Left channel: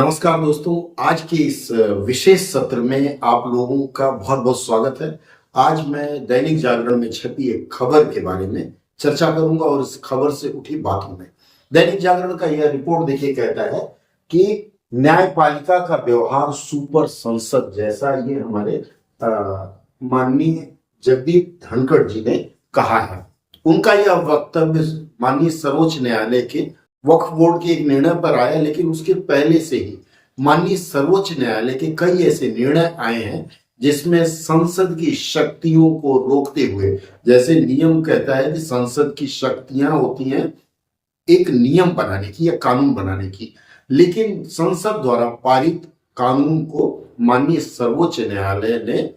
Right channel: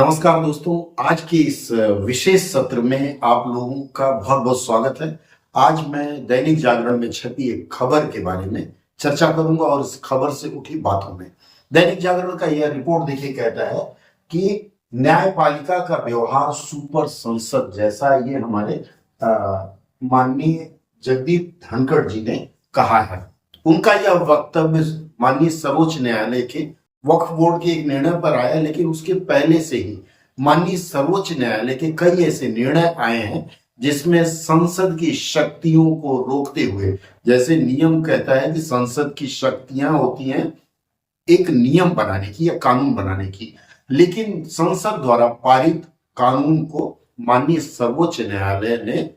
नमस्कार दोस्तों, आज के इस विशेष सत्र में आप लोगों का बहुत बहुत स्वागत है। आज मैं दैनिक जागरण में छपी एक खबर के बारे में चर्चा करूंगा और इस खबर से उठी बातों में। दैनिक जागरण का यह रिपोर्ट देखिए कहता है कि न्यायपालिका का व्यवहार सुपर संसद जैसा, ये हमारे माननीय जगदीप धनखड़ जी ने कहा है। उनका यह वक्तव्य माननीय सर्वोच्च न्यायालय के वक्फ बोर्ड के एक निर्णय पर आया, लेकिन उसके पहले से ही माननीय सर्वोच्च न्यायालय के कई ऐसे निर्णय आए हैं जिसमें संसद की शक्तियों को रोकते हुए, जैसे नियम कहता है कि संसद की शक्तियां होती हैं एक नियम बनाने की या कानून बनाने की, लेकिन संसद द्वारा पारित कानून को माननीय सर्वोच्च न्यायालय ने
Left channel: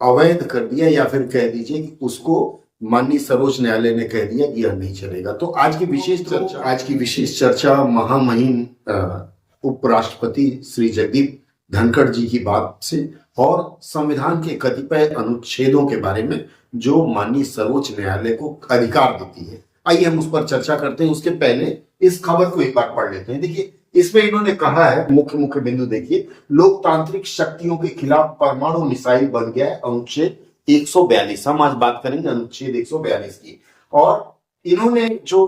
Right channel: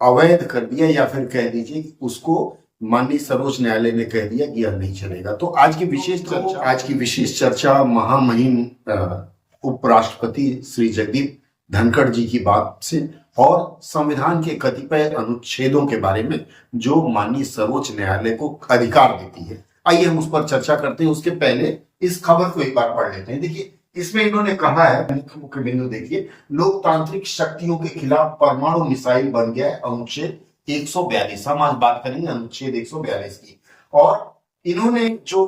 अवैध कर दिया, या फिर कह दीजिए कि उसको माननीय सर्वोच्च न्यायालय ने कह दिया कि यह नहीं चलेगा। तो आज की विशेष चर्चा महामहिम उपराष्ट्रपति श्री जगदीप धनखड़ जी की बात से और संविधान के कतिपय अनुच्छेदों के बारे में जो माननीय सर्वोच्च न्यायालय को अधिकार देती है। आइए हम उस पर चर्चा करते हैं। उसके पहले इस खबर को एक बार पढ़ लेते हैं। देखिए, इसमें इन्होंने कहा है, मुख्य बिंदु देखिए, लोकतांत्रिक शक्तियों के खिलाफ परमाणु मिसाइल बन गया है अनुच्छेद 142। हम आज बात करेंगे अनुच्छेद 142 की। और इन्होंने जो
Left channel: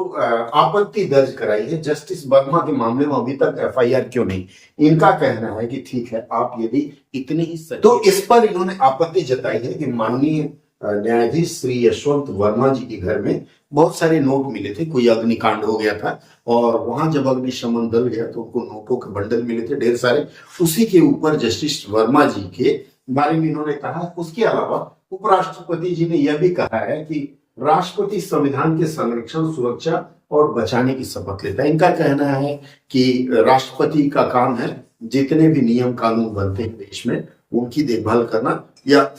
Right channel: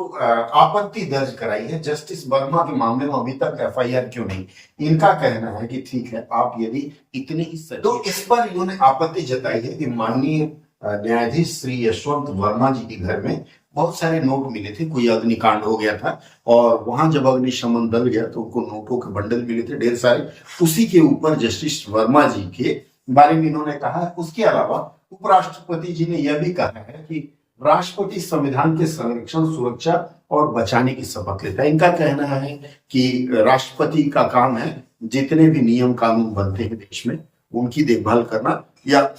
आपत्ति दर्ज कराई है जस्टिस वर्मा के मामले में, अभी तक एफआईआर क्यों नहीं, इनका कहना है कि ठीक है, आप यदि इतने ही तो इस पर इन्होंने आपत्ति जताई है कि माननीय न्यायाधीश श्री यशवंत वर्मा जी के घर में बहुत सारे नोट मिले थे। कोई अग्निकांड हो गया था और वहां जब अग्निशमन दल गया तो उनको नोटों के बंडल मिले थे ढेर सारे। उसी के ऊपर जस्टिस वर्मा जी के बारे में इन्होंने कहा। उसके अलावा उपराष्ट्रपति जी ने यह भी कहा है कि राष्ट्रपति संविधान के संरक्षण, सुरक्षा और बचाने की शपथ लेता है। इनका कहना है कि राष्ट्रपति का काम है जितने भी नियम कानून बनते हैं देश में उनकी देखभाल करना या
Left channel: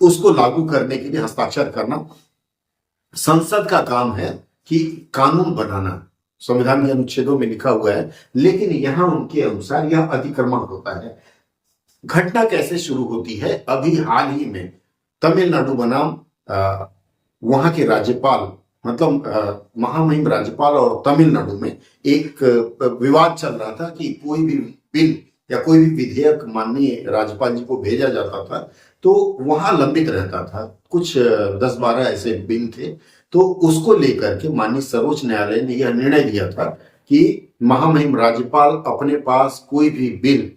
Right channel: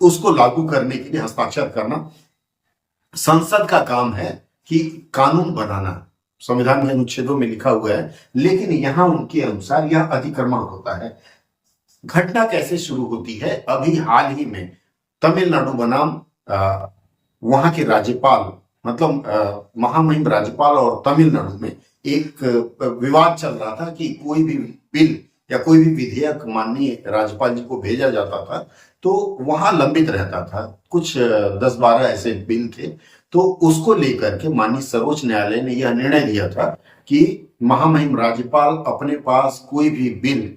उसको लागू करने के लिए हस्ताक्षर करना। संसद का काम है कि कानून बनाना, संविधान के अनुच्छेदों में लिखा हुआ है, लेकिन यहां उनके अनुसार यह अतिक्रमण होता है। घटना कैसे शुरू होती है? अभी हाल ही में तमिलनाडु बनाम वहां के राज्यपाल, मतलब महामहिम राज्यपाल और तमिलनाडु में एक विवाद चल रहा था कि कोई भी बिल या कोई भी विधेयक माननीय राज्यपाल जी को भेजा जाता था तो वहां लंबित रहता था। कुछ 10-12 ऐसे बिल थे, तो उसको लेकर के माननीय सर्वोच्च न्यायालय ने यह निर्णय दिया था कि महामहिम राज्यपाल अपने पास कोई भी बिल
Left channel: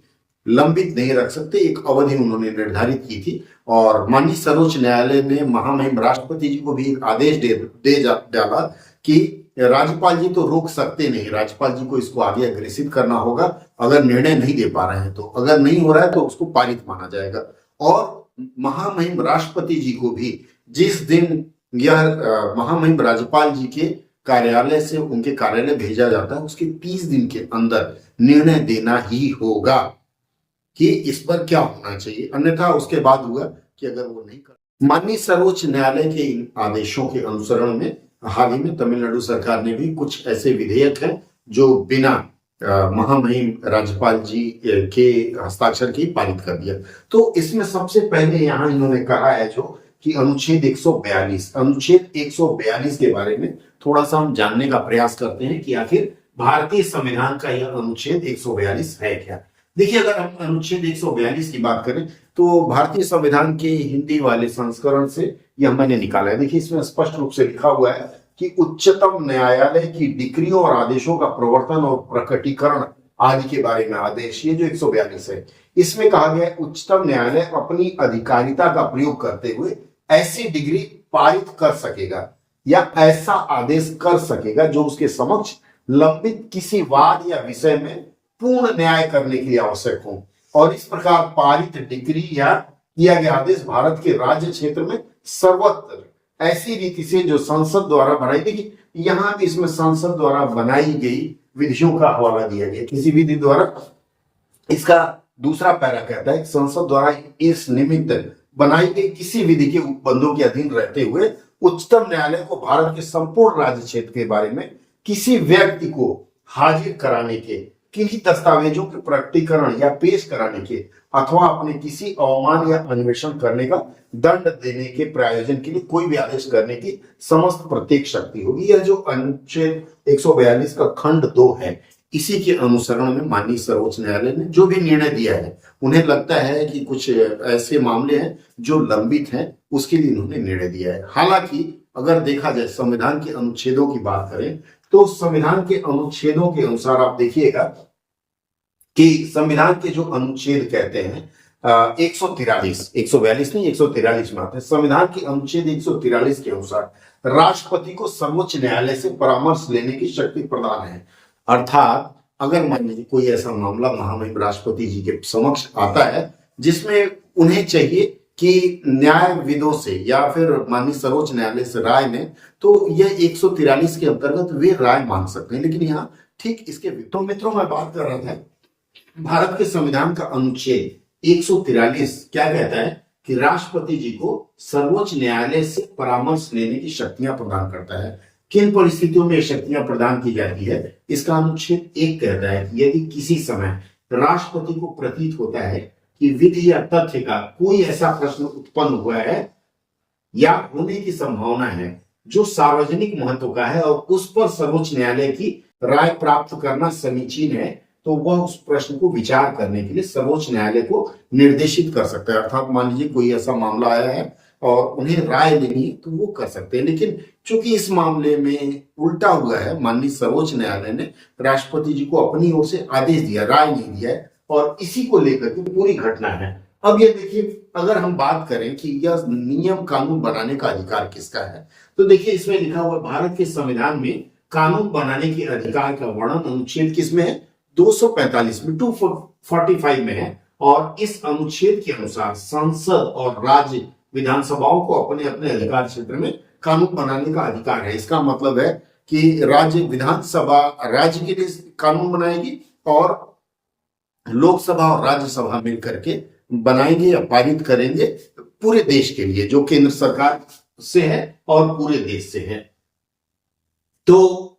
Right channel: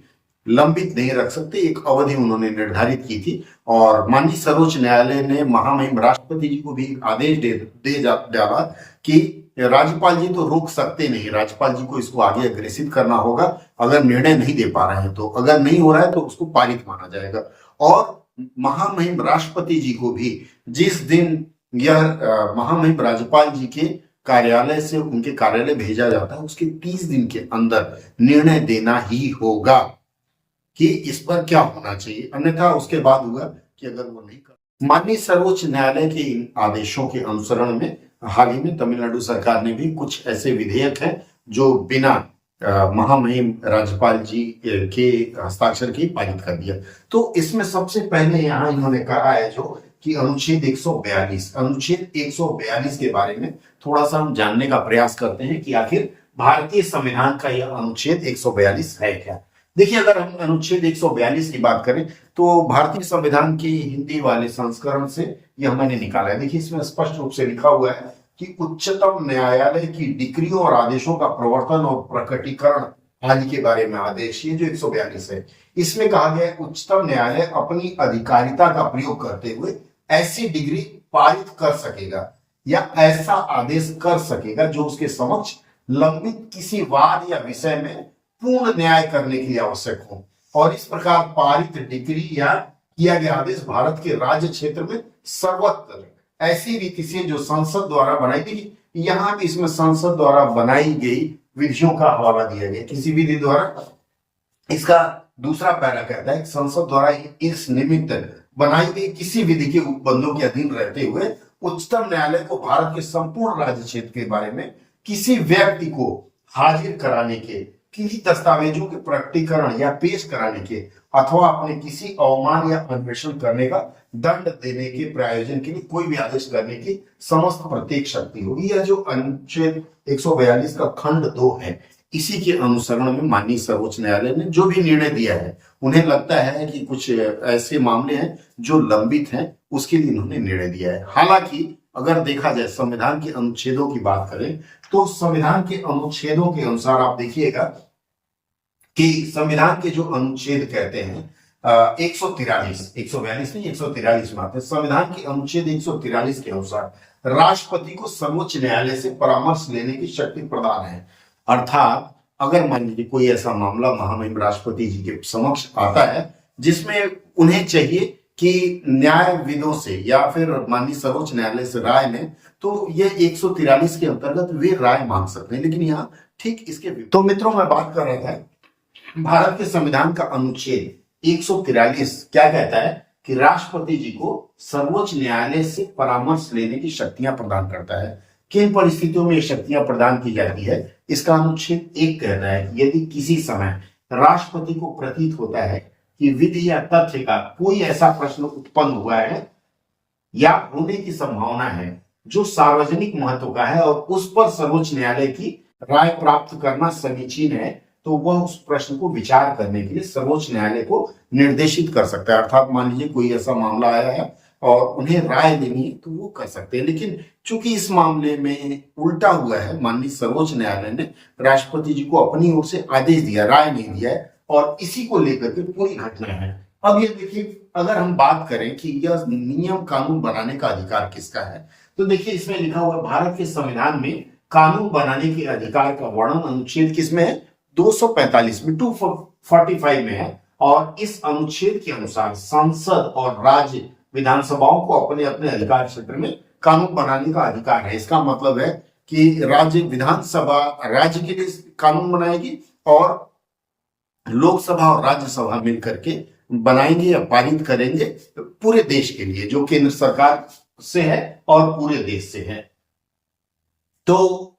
लंबित नहीं रख सकते। एक अवधि उन्होंने निर्धारित की थी और माननीय सर्वोच्च न्यायालय ने महामहिम राष्ट्रपति जी को भी एक आदेश दे डाला कि राज्यपाल जी तो रोक सकते नहीं, राज्यपाल जी को इसको आगे अग्रेसित करना होगा। अगर निर्णय नहीं दे पा रहे हैं तो, अगर नहीं हो रहा है तो उसको पारित माना जाएगा। और महामहिम राष्ट्रपति जी को भी जिस दिन यह महामहिम राज्यपाल जी के कार्यालय से उनके कार्यालय भेजा जाता है उसके 30 दिन के अंदर निर्णय देना ही होगा कि इस पर क्या होना चाहिए, अन्यथा उसके बाद हुआ कि अगर वो नहीं कर। माननीय सर्वोच्च न्यायालय के इन आदेशों के अनुसरण में हाल ही में तमिलनाडु सरकार ने भी कुछ ऐसे विधेयक हैं जो बिना महामहिम राज्यपाल जी के हस्ताक्षर के पारित कर दिया। तो इसमें सबसे पहले यहाँ इन्होंने कहा है जो कि अनुच्छेद 142 के बारे में थोड़ा सा हम जानने का प्रयास करते हैं कि आखिर भारतीय संविधान का यह अनुच्छेद 142 है क्या। देखिए, अगर हम अनुच्छेद 142 की बात करें तो भारतीय संविधान के हिंदी वाले संस्करण से यह मैंने निकाला है। देखिए, इसमें स्पष्ट रूप से लिखा हुआ है कि उच्चतम न्यायालय की डिक्रियों और आदेशों का प्रवर्तन और प्रकटीकरण आदि के बारे में आदेश, ये जो 142 है, इसमें कहा गया है उच्चतम न्यायालय अपनी अधिकारिता का प्रयोग करते हुए ऐसी डिग्री पारित कर सकेगा या ऐसा आदेश कर सकेगा जो उसके समक्ष लंबित किसी वाद या विषय में पूर्ण न्याय करने के लिए आवश्यक हो। और इस प्रकार पारित डिग्री या किया गया आदेश भारत के राज्य क्षेत्र में सर्वत्र ऐसी रीति से जो संसद द्वारा बनाई गई, यहां भी इसमें संसद द्वारा बनाई गई विधियों का हवाला दिया गया, किसी विधि द्वारा। इसका दूसरा पैरा कहता है संसद द्वारा इस निमित्त बनाई गई किसी विधि के उपबंधों के अधीन रहते हुए उच्चतम न्यायालय को भारत के संपूर्ण राज्य क्षेत्र के बारे में किसी व्यक्ति को हाजिर कराने के, किन्हीं दस्तावेजों के प्रकटीकरण या पेश कराने के अथवा अपने किसी अवमान या अन्वेषण करने का दंड देने के प्रायोजन के लिए कोई भी आदेश करने की समस्त प्रत्येक शक्ति होगी। यह जो अनुच्छेद 142 का खंड 2 है, इसी के अनुसरण में माननीय सर्वोच्च न्यायालय ने जो भी निर्णय दिया है, उन्हें लगता है कि कुछ ऐसे मामले हैं जो लंबित हैं, उसके लिए इन्होंने निर्णय दिया है। हालांकि अगर देखा जाए संविधान के अनुच्छेदों की बात करें तो संविधान के अनुच्छेदों के अनुसार आप देखिएगा कि संविधान के जो अनुच्छेद कहते हैं 142 नहीं 143 में आते हैं। संविधान के अनुच्छेद 143 के अनुसार राष्ट्रपति को सर्वोच्च न्यायालय से परामर्श लेने की शक्ति प्रदान है। अर्थात अगर मान लीजिए कोई ऐसा मामला महामहिम राष्ट्रपति जी के समक्ष आता है जिसमें उन्हें चाहिए कि न्यायविदों से या फिर माननीय सर्वोच्च न्यायालय से राय लें, तो यह 143 के अंतर्गत वे राय मांग सकते हैं। लेकिन यहाँ ठीक इसके तो मित्रों मैं बात कर रहा था भारत के संविधान का अनुच्छेद 143 क्या कहता है कि राष्ट्रपति जी को सर्वोच्च न्यायालय से परामर्श लेने की शक्तियां प्रदान करता है। किन परिस्थितियों में ये शक्तियां प्रदान की जाती है, इसका अनुच्छेद 1 कहता है कि यदि किसी समय राष्ट्रपति को प्रतीत होता है कि विधि या तथ्य का कोई ऐसा प्रश्न उत्पन्न हुआ है या होने की संभावना है जो सार्वजनिक महत्व का है और उस पर सर्वोच्च न्यायालय की राय प्राप्त करना समीचीन है, तो वह उस प्रश्न को विचार करने के लिए सर्वोच्च न्यायालय को निर्देशित कर सकता है। अर्थात मान लीजिए कोई ऐसा मामला आया है और उन्हें राय लेनी है तो वो कर सकते हैं। लेकिन चूंकि इस मामले में उल्टा हुआ है, माननीय सर्वोच्च न्यायालय ने राष्ट्रपति जी को अपनी ओर से आदेश दिया, राय नहीं दिया है और इसी को लेकर के पूरी घटना है। अब ये देखिए, अगर हम बात करें कि यह नियम कानून बनाने का अधिकार किसका है, तो देखिए इसमें लिखा हुआ भारत के संविधान में कानून बनाने के अधिकार का वर्णन अनुच्छेद किसमें है, 245 में 245 में है। और इस अनुच्छेद के अनुसार संसद और राज्य विधानसभाओं को अपने अपने अधिकार क्षेत्र में कानून बनाने का अधिकार है। इसका मतलब है कि राज्य विधानसभा राज्य के लिए कानून बनाएगी और लोकसभा और राज्यसभा मिलकर के बनाएंगे या पारित करेंगे पूरे देश के लिए, जो केंद्र सरकार से है और पूरे देश से है। तो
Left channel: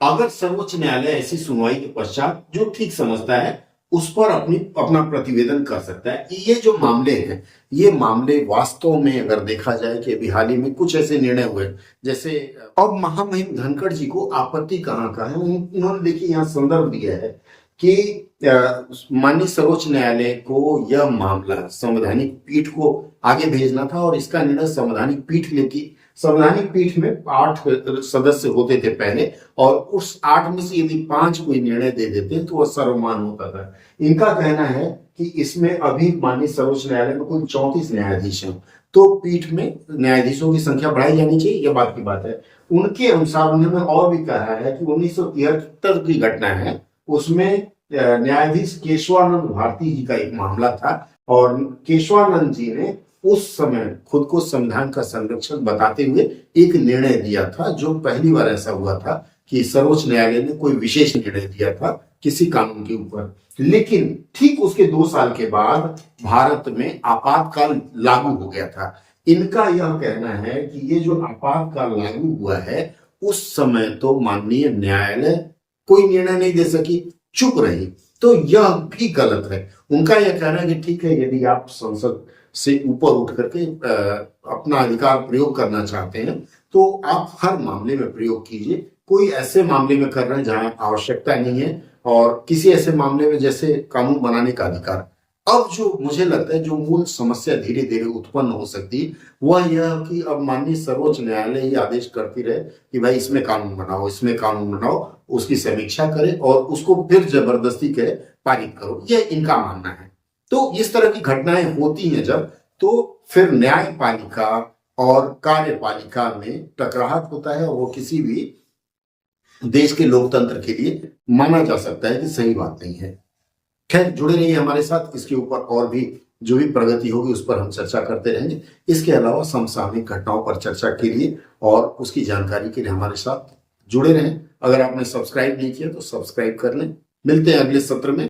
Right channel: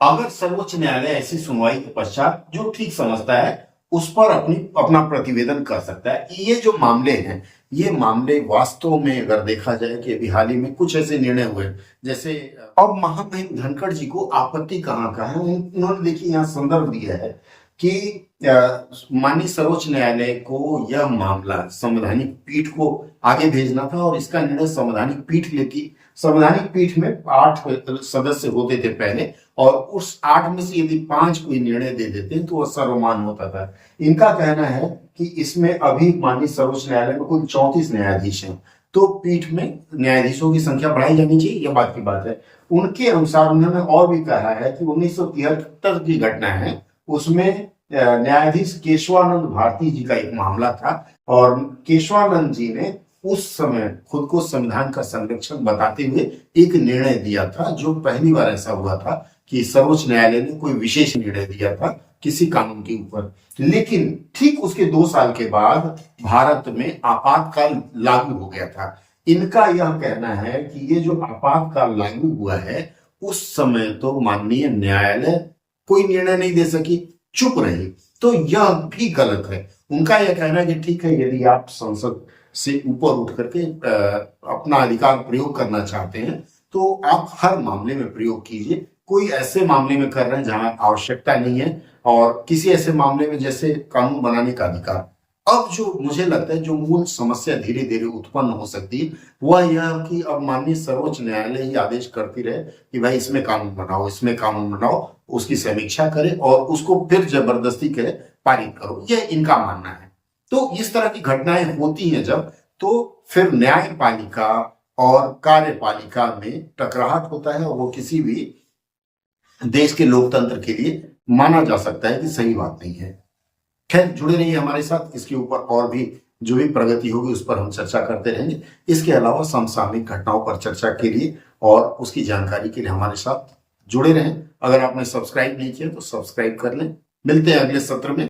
अगर सर्वोच्च न्यायालय ऐसी सुनवाई के पश्चात जो ठीक समझता है उस पर अपना प्रतिवेदन कर सकता है। ये जो मामले हैं, ये मामले वास्तव में अगर देखा जाए कि अभी हाल ही में कुछ ऐसे निर्णय हुए, जैसे अब महामहिम धनखड़ जी को आपत्ति कहाँ है, उन्होंने देखिए यहाँ संदर्भ दिया है कि माननीय सर्वोच्च न्यायालय को यह मामला संवैधानिक पीठ को आगे भेजना था और इसका निर्णय संवैधानिक पीठ लेती। संवैधानिक पीठ में 8 सदस्य होते थे पहले और उस 8 में से यदि 5 कोई निर्णय दे देते तो वह सर्वमान्य होता था। इनका कहना है कि इसमें अभी माननीय सर्वोच्च न्यायालय में कुल 34 न्यायाधीश हैं, तो पीठ में न्यायाधीशों की संख्या बढ़ाई जानी चाहिए, यह बात की बात है। उनके अनुसार उन्होंने और भी कहा है कि 1973 की घटना है, उसमें न्यायाधीश केशवानंद भारती जी का एक मामला था और केशवानंद जी ने उस समय खुद को संविधान का संरक्षक बताते हुए एक निर्णय दिया था, जो पहली बार ऐसा हुआ था कि सर्वोच्च न्यायालय ने कोई विशेष निर्णय दिया था किसी कानून के ऊपर। लेकिन ठीक उसके 2 साल के बाद भारत में आपातकाल लागू हो गया था। इनका यह कहना है कि ये जो आपातकाल लागू हुआ है उस समय तो माननीय न्यायालय कोई निर्णय नहीं दे सकी, चुप रही, तो यह भी गलत है। उनका यह कहना है कि ठीक है, यदि आप संसद से ऊपर उठ करके अपना अधिकार प्रयोग करना चाहते हैं तो आप हर मामले में प्रयोग कीजिए। कोई ऐसे मामले में कर रहे हैं जहां आवश्यकता नहीं है और किसी ऐसे मामले में जैसे कानून बनाने का अधिकार। अब जो मुझे लगता है जो मूल समस्या धीरे धीरे उत्पन्न हो सकती है वह यह कि अब माननीय सर्वोच्च न्यायालय ही आदेश करती रहे कि भाई इसमें कानून बनाओ, इसमें कानून बनाओ, उसकी समीक्षा करे और उसको फिर जबरदस्ती कहे पारित करो, यह इनका मानना है। तो इस तरह की घटनाएं होती हैं जब, तो फिर न्यायपालिका और कार्यपालिका में टकराहट होता है और वो किसी भी देश के लोकतंत्र के लिए माना जा सकता है कि सही बात नहीं है। खैर, जुड़े रहिए हमारे साथ, इसके ऊपर और भी जो भी प्रगति होगी उस पर हम चर्चा करते रहेंगे। इसके अलावा समसामयिक घटनाओं पर चर्चा के लिए और उसकी जानकारी के लिए हमारे साथ जुड़े रहें। अगर आपने सब्सक्राइब नहीं किया तो सब्सक्राइब कर लें। मिलते हैं अगले सत्र में।